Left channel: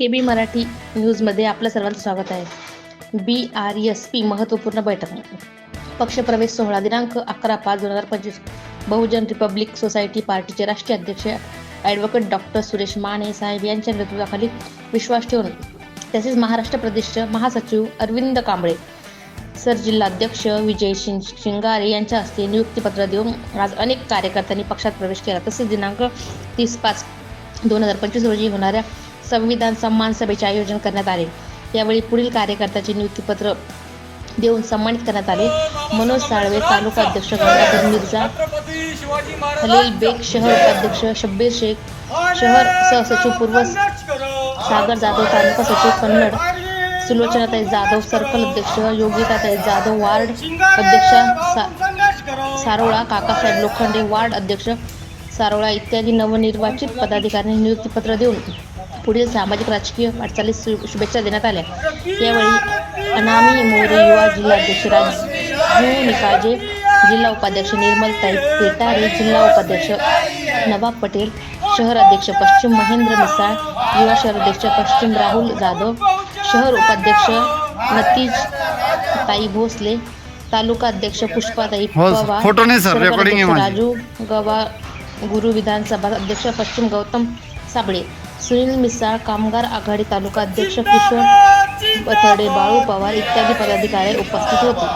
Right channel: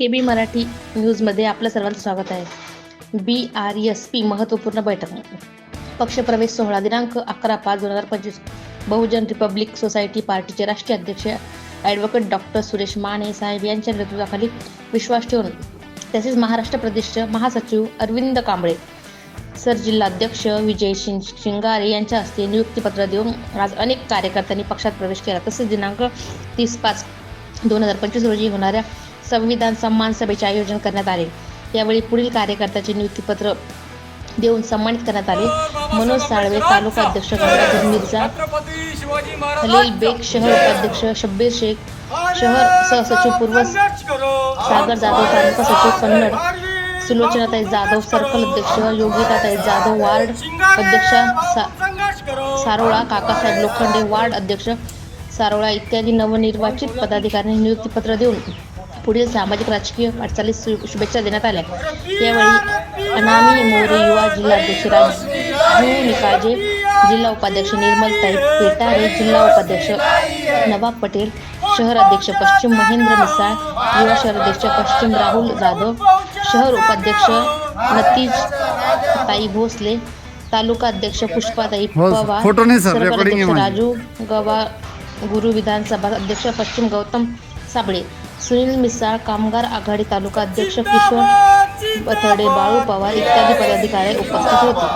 के बी मराठी न्यूजमध्ये आपलं सर्वांचं स्वागत आहे. बी आर एस पी महत्त्वपूर्ण बैठक. पक्षप्रवेश सोहळा दिनांक अकरा पाच दोन हजार पंचवीस. बहुजन रिपब्लिक सोसायटी पार्टीचे राष्ट्रीय अध्यक्ष ॲडव्होकेट डॉक्टर सुरेश माने साहेब यांच्या नेतृत्वाखाली विश्वास ठेवून तसेच महाराष्ट्र प्रदेशचे महासचिव अरविंद कांबळे सर जिल्हाध्यक्ष विजय शिंग शिंगारे यांच्या हस्ते नियुक्तीपत्र देऊन आज अनेक कार्यकर्त्यांनी पक्षात प्रवेश केला. तसेच दिनांक तीस पाच दोन हजार पंचवीस रोजी होणाऱ्या संविधान सन्मान सभेचे आयोजन करण्यात आले. यावेळी पुढील कार्यकर्त्याचे नियुक्तीपत्र देऊन सन्मानित करण्यात आले. मनोज साळवे तालुका अध्यक्ष गंगाधर मिर्झा खलील बेग शहर उपाध्यक्ष शब्बीर शेख शहर सहसचिव पूर्व सागर जाधव तालुका सचिव कन्नड सुलोचनाताई जाधव सर्कल अध्यक्ष योगिताताई जाधव वार्ड अध्यक्ष सारोळा काकासाहेब लोखंडे वार्ड अध्यक्ष सारोळा इत्यादी नवनिर्वाचित पदाधिकाऱ्यांनी नियुक्तीपत्र देऊन पुढील सामाजिक राजकीय वाटचालीस शुभेच्छा देण्यात आल्या. यावेळी अनामी मोरे युवा जिल्हाध्यक्ष राजू निकाजे जिल्हा उपाध्यक्ष निर्मलताई पेटारे जिल्हा उपाध्यक्ष नवाब पटेल शहर अध्यक्ष पश्चिम महेंद्र मिसाळ युवा शहर अध्यक्ष पश्चिम राहुल जाधव शहर उपाध्यक्ष नतीज ताई भोसले तालुका अध्यक्ष पुष्पाताई हो, पवार. राजू गवा गुरु विधानसभा अध्यक्ष पश्चिम गौतम साबळे सुनील मिसाळ कामगार आघाडी तालुका अध्यक्ष किशोर बथडे बाळू पवार इत्यादी पदाधिकारी उपस्थित होते.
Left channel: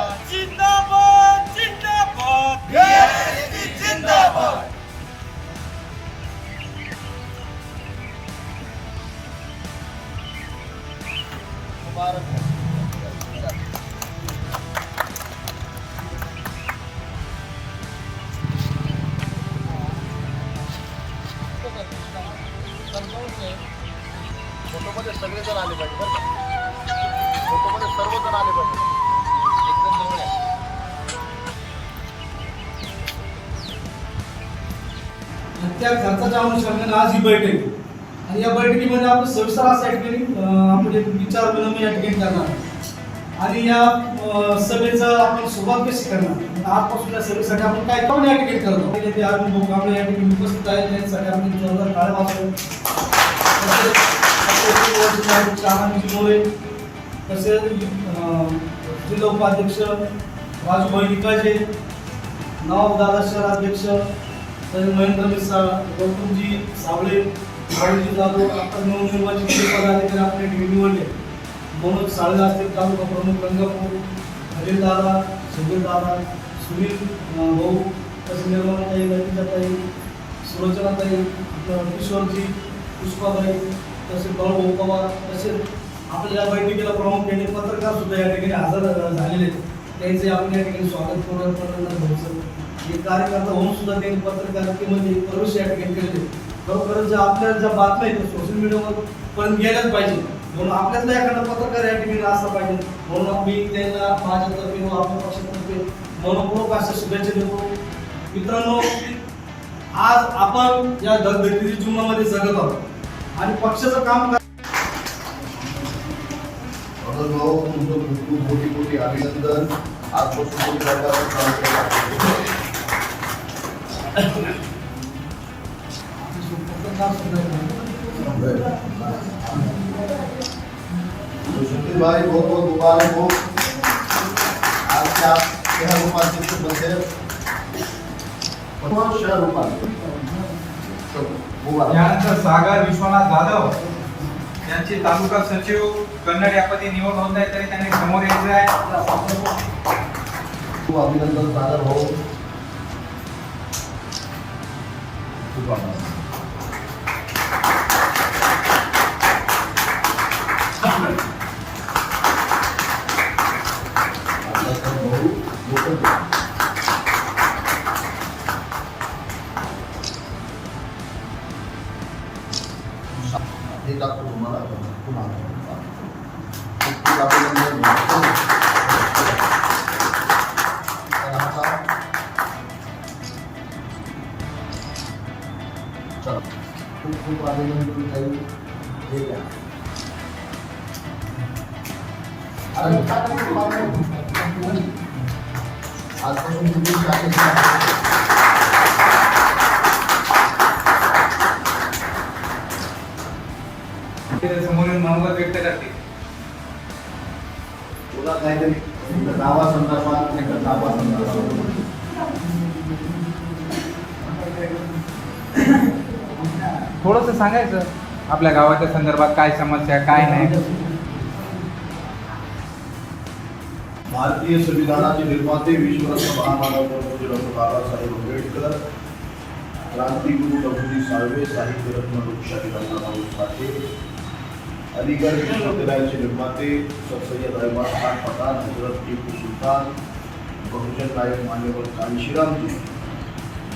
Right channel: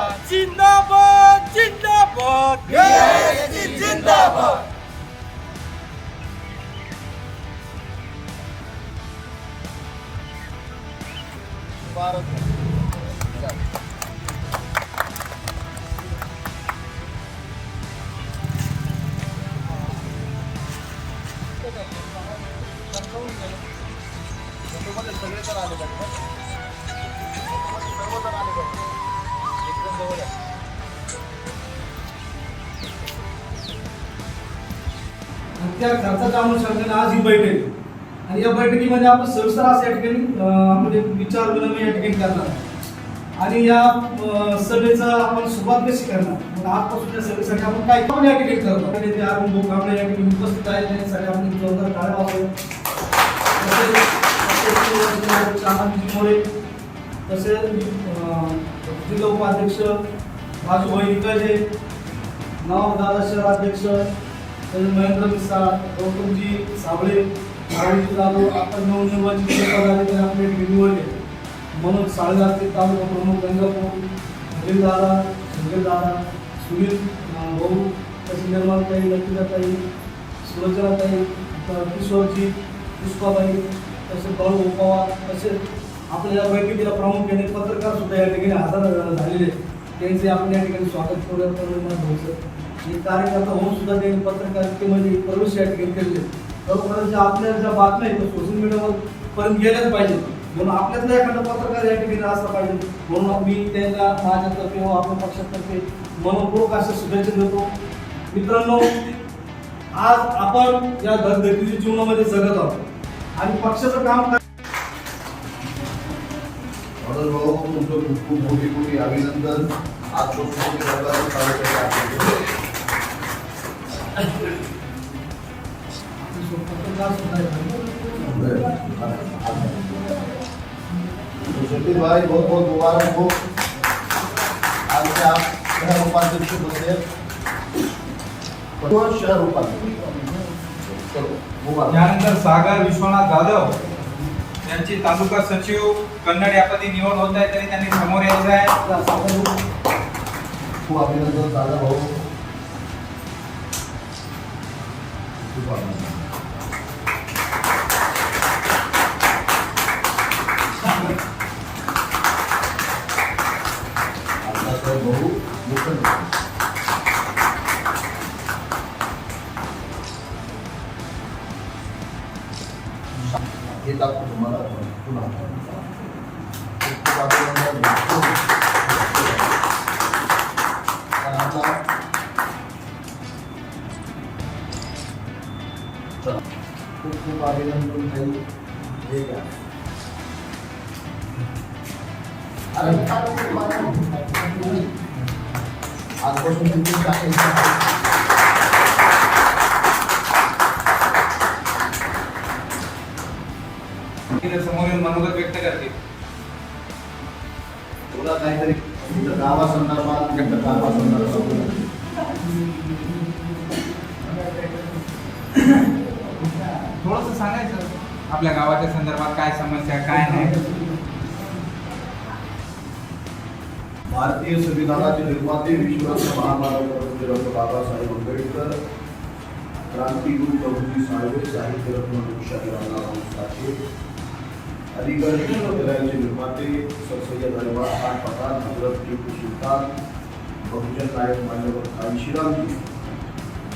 जिंदाबाद जिंदाबाद जिंदाबाद फोटोमध्ये सगळेजण आले पाहिजे बरं का? फोटोमध्ये सर्वजण आले पाहिजे. एकदम जवळ आहे. त्या खर्चाच्या अनुषंगाने आज ही बैठक आणि या बैठकीमध्ये आपण सविस्तर असं या ठिकाणी अं, आपण एक विचार विनिमय या ठिकाणी करणार आणि या सभेचा आपण सुरुवात कशी करणार? म्हणजे आजपासून या सभेसाठी आपण काय कोण या ठिकाणी करतो आणि ते अरुण भाऊ कांबळे या ठिकाणी उपस्थित आहेत त्यांच्यासाठी आपण जोरदार टाळ्या वाजवू तसेच आपले आनंदजी तसेच जिल्हा उपाध्यक्ष राजूभाई निकाजे नवाब दादा शहर अध्यक्ष तसेच महेंद्र मिसाळ गौतमजी सावळे भाऊजी जाधव आता नवनिर्वाचित पदाधिकारी आपले निवडले मनोज साळवे असतील तालुका प्रमुख गंगापूर हरील दादा शंकर दादा सुनील भाऊ तसेच निर्माणताई ललिताताई सुलोचनाताई किशोरजी पुष्पाबाई तसेच बाळू भाऊ पवार तसेच आपल्या या बैठकीला प्रामुख्याने पत्रकार सुद्धा या ठिकाणी हजर झालेले आहेत. त्यांचे आपण या ठिकाणी स्वागत करू हे कार्यकर्ता होऊन सुद्धा त्यांनी पत्रकारितेमध्ये प्रवेश या ठिकाणी केले खरोखरच ज्या आपल्या ज्या बातम्या आहेत सोशल मीडियावर पर्यंत गेल्याच पाहिजे म्हणून आपल्यातला एखादा पत्रकार या ठिकाणी असला पाहिजे. म्हणून मी त्यांना माझ्यातर्फे व आपल्या पक्षातर्फे मनपूर्वक अशा शुभेच्छा देतो. मित्रांनो आज आपण या धगधगीच्या जीवनामध्ये जगत आहोत. आणि पक्षाचं काम काय तुमचं खूप खूप मोठी मोठी अभिनंदन। आहे. तो सुशील भाई। बहुत बहुत मुबारक हो। आज के आप शहर उपाध्यक्ष कौन शहर उपाध्यक्ष? चलो, मुबारक यानंतर सागर विश्वनाथ जाधव यांची तालुका सचिव कन्नड या पदी निवड होत आहे तरी त्यांनी समोर यायचं आहे. खूप अभिनंदन सादर हो खूप हे टाकतो तुम्हाला पुन्हा खूप खूप अभिनंदन तर आता चला खूप खूप अभिनंदन काही हे घ्या अरे काय करतो बाबा? आजपासून तुम्ही ते समोरील मनोगत व्यक्त करतील तुला काहीतरी तुमच्या गावासंदर्भात तुमच्या गावासंदर्भात थोडंसं सांगायचं आपल्या गावाच्या संदर्भात काय समस्या काय नाही. भारतीय संविधानाचे निर्माते विश्वरत्न महामानव बाबासाहेब आंबेडकर क्रांतिगुरु प्रभुजी साळवे साहित्यरत्न लोकशाही रामराव साठे अलीगड विश्वविद्यालयाचे निर्माते सर सय्यद अहमद खान पठाण हजरत टिपू सुलतान बहुजन नायक मान्यवर काळीशिरामजी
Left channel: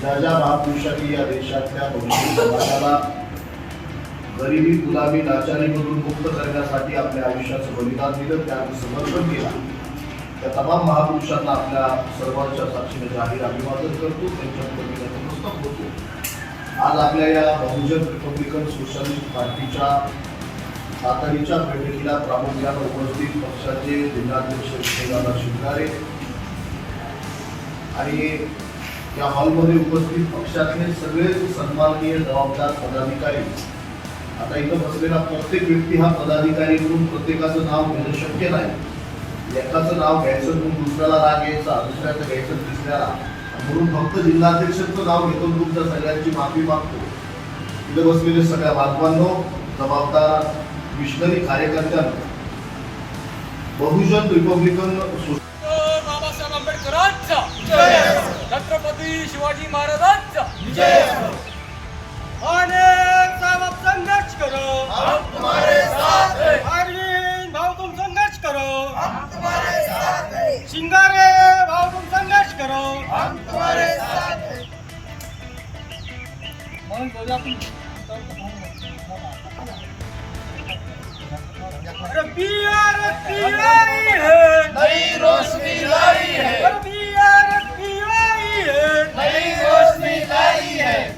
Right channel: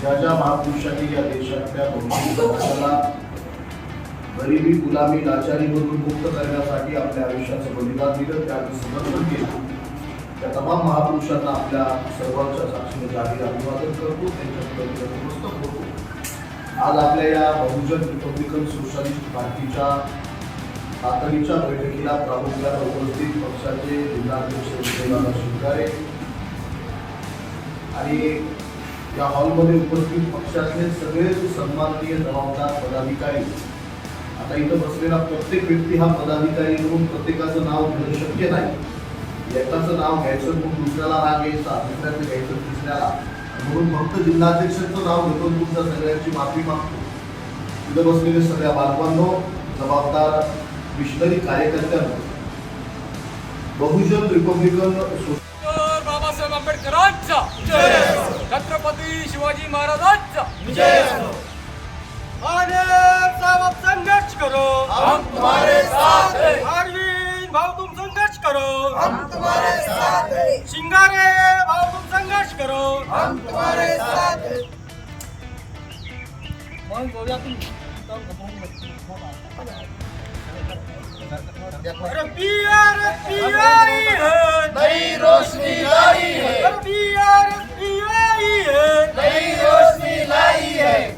ज्या ज्या महापुरुषांनी या देशातल्या बहुजन समाजाला गरिबी गुलामी लाचारीमधून मुक्त करण्यासाठी आपल्या आयुष्याचं बलिदान दिलं त्याचं समर्पण केलं. त्या तमाम महापुरुषांना आपल्या सर्वांच्या साक्षीने जाहीर अभिवादन करतो त्यांच्या होतो. आज आपल्या या बहुजन रिपब्लिकन सोशलिस्ट पार्टीच्या तातडीच्या बैठकीला प्रामुख्याने उपस्थित पक्षाचे जिल्हाध्यक्ष विजयदादा शिवगारे आणि या हॉलमध्ये उपस्थित पक्षातले सगळेच सन्माननीय जबाबदार पदाधिकारी. आता इथं बसलेला प्रत्येक व्यक्ती हा पदाधिकारी म्हणून प्रत्येकाचं नाव घेणं शक्य नाही. एकाचं नाव घ्यायचं म्हणून दुसऱ्याला राग यायचा दुसऱ्याचं घ्यायचं तिसऱ्याला. म्हणून फक्त जिल्हाध्यक्षांचं नाव घेतो आणि तुमच्या सगळ्यांची माफी मागतो. इथं बसलेले सगळ्या बांधवांनो जबाबदार मिशनरी कार्यकर्त्यांनो बहुजन रिपब्लिकन बाबासाहेब आंबेडकरांचा. छत्रपती शिवाजी महाराजांचा. आणि साहेब संघर्ष करो. हम तुम्हारे साथ हैं. अरविंद भाऊ तुम संघर्ष करो. हम तुम्हारे साथ हैं. शिंगारे भाऊ तुम संघर्ष करो. हम तुम्हारे साथ हैं. अरे बिहार पियाई है नई रोशनी लाई है। है। नई रोशनी लाई है।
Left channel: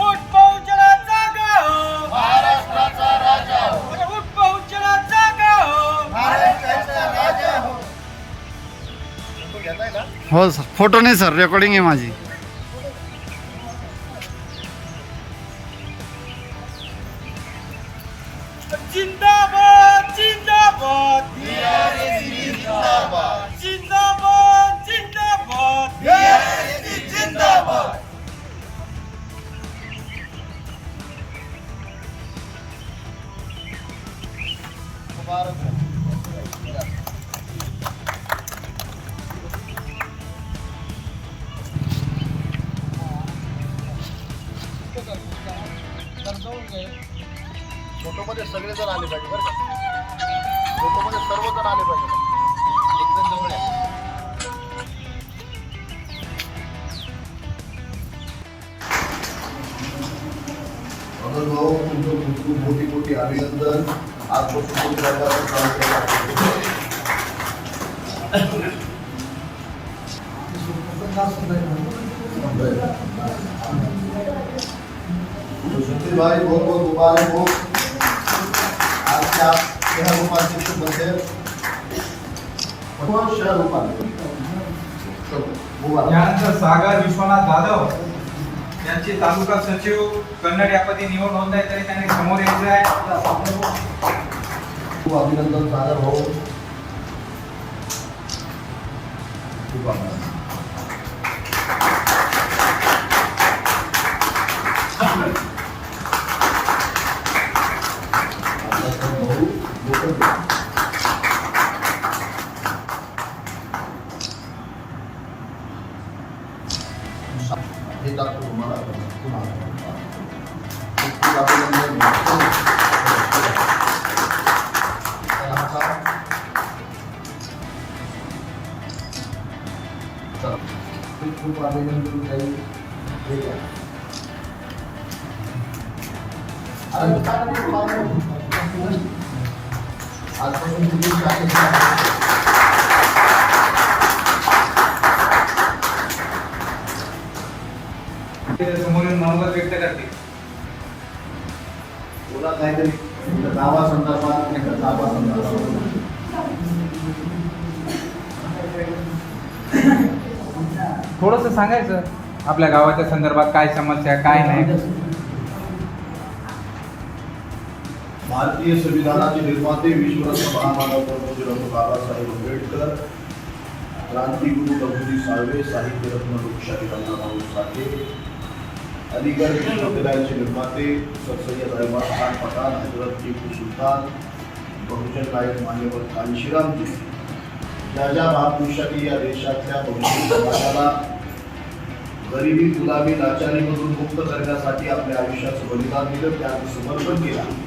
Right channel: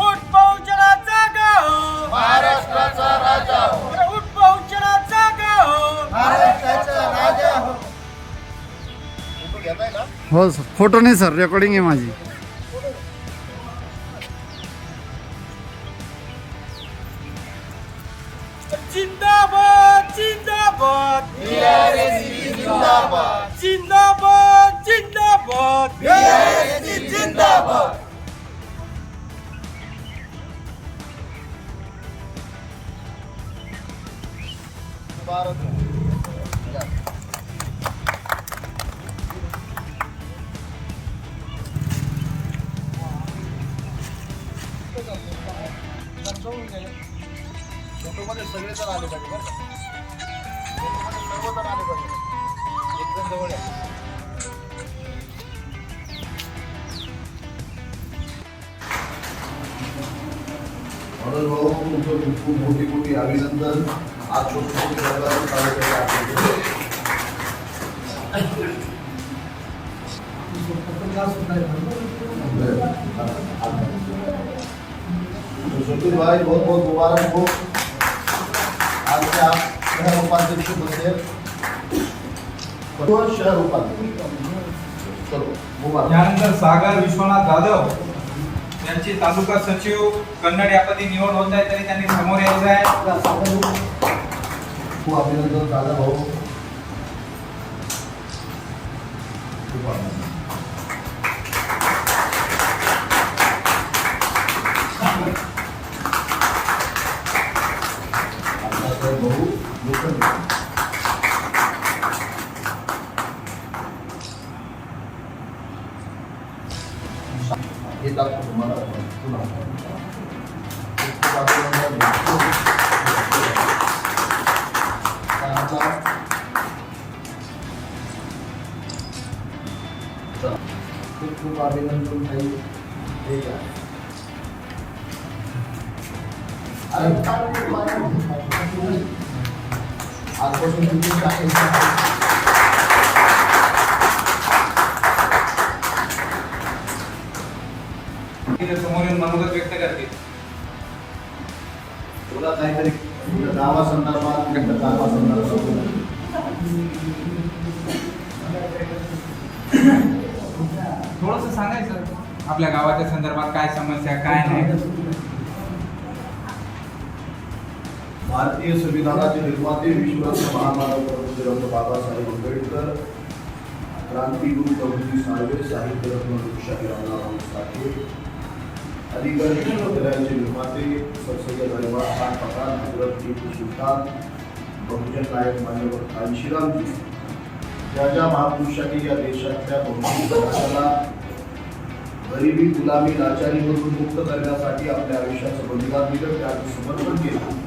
उठ पहुंचला जागा हो। महाराष्ट्राचा राजा हो। उठ पहुंचला जागा हो। महाराष्ट्राचा राजा हो। हो सर फोटो नाही सर रेकॉर्डिंग आहे माझी. फोटोमध्ये सगळेजण आले पाहिजे बरं का? फोटोमध्ये सर्वजण आले पाहिजे. एक जवळ आहे. भाऊ तुमचं खूप खूप मोठी मोठी अभिनंदन. आज तुम्ही तो सुशील भाई बहुत बहुत मुबारक हो आज के आप शहर उपाध्यक्ष बनते हो शहर उपाध्यक्ष? चलो सागर विश्वनाथ जाधव यांचे तालुका सचिव कन्नड यापदी निवड होत आहे तरी त्यांनी समोर यायचं आहे. खूप अभिनंदन सागर भाऊ। खूप अभिनंदन आपला भाऊ लोकल हे टाकतो तुम्हाला पुन्हा खूप खूप अभिनंदन काही हे घ्या. अरे काय नको पाहिजे? आजपासून तुम्ही टाकायचं ते समोरील मनोगत व्यक्त करतील तुला काहीतरी तुमच्या गावासंदर्भात तुमच्या गावासंदर्भात थोडंसं सांगायचं आपल्या गावाच्या संदर्भात काय समस्या काय नाही. भारतीय संविधानाचे निर्माते विश्वरत्न महामानव प्रबोधरत्न बाबासाहेब आंबेडकर क्रांतिगुरु प्रभूजी साळवे साहित्यरत्न लोकशाही रामराव साठे अलीगड विश्वविद्यालयाचे निर्माते सर सय्यद अहमद खान पठाण हजरत टिपू सुलतान बहुजन नायक मान्यवर कांशीरामजी ज्या ज्या महापुरुषांनी या देशातल्या बहुजन समाजाला गरिबी गुलामी लाचारीमधून मुक्त करण्यासाठी आपल्या आयुष्याचं बलिदान दिलं त्याचं समर्पण केलं.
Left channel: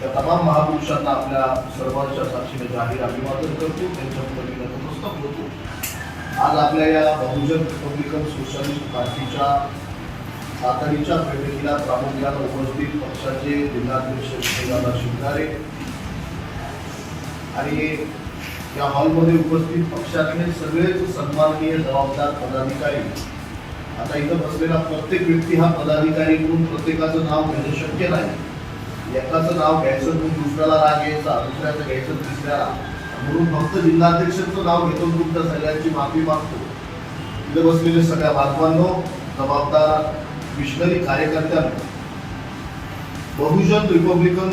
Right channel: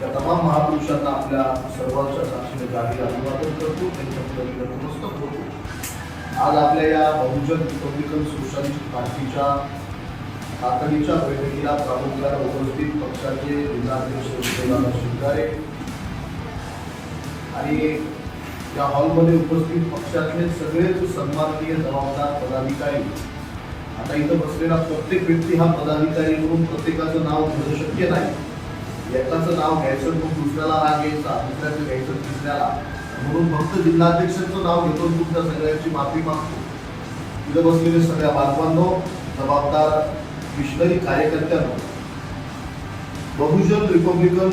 त्या तमाम महापुरुषांना आपल्या सर्वांच्या साक्षीने जाहीर अभिवादन करतो. त्यांच्या पदवीला नतमस्तक होतो. आज आपल्या या बहुजन रिपब्लिकन सोशलिस्ट पार्टीच्या तातडीच्या बैठकीला प्रामुख्याने उपस्थित पक्षाचे जिल्हाध्यक्ष विजयदादा शिवगारे आणि या हॉलमध्ये उपस्थित पक्षातले सगळेच सन्माननीय जबाबदार पदाधिकारी आता इथं बसलेला प्रत्येक व्यक्ती हा पदाधिकारी म्हणून प्रत्येकाचं नाव घेणं शक्य नाही. एकाचं नाव घ्यायचं म्हणून दुसऱ्याला राग यायचा दुसऱ्याचं घ्यायचं तिसऱ्याला. म्हणून फक्त जिल्हाध्यक्षांचं नाव घेतो तुमच्या सगळ्यांची माफी मागतो. इथं बसलेले सगळ्या बांधवांनो जबाबदार मिशनरी कार्यकर्त्यांनो बहुजन रिपब्लिकन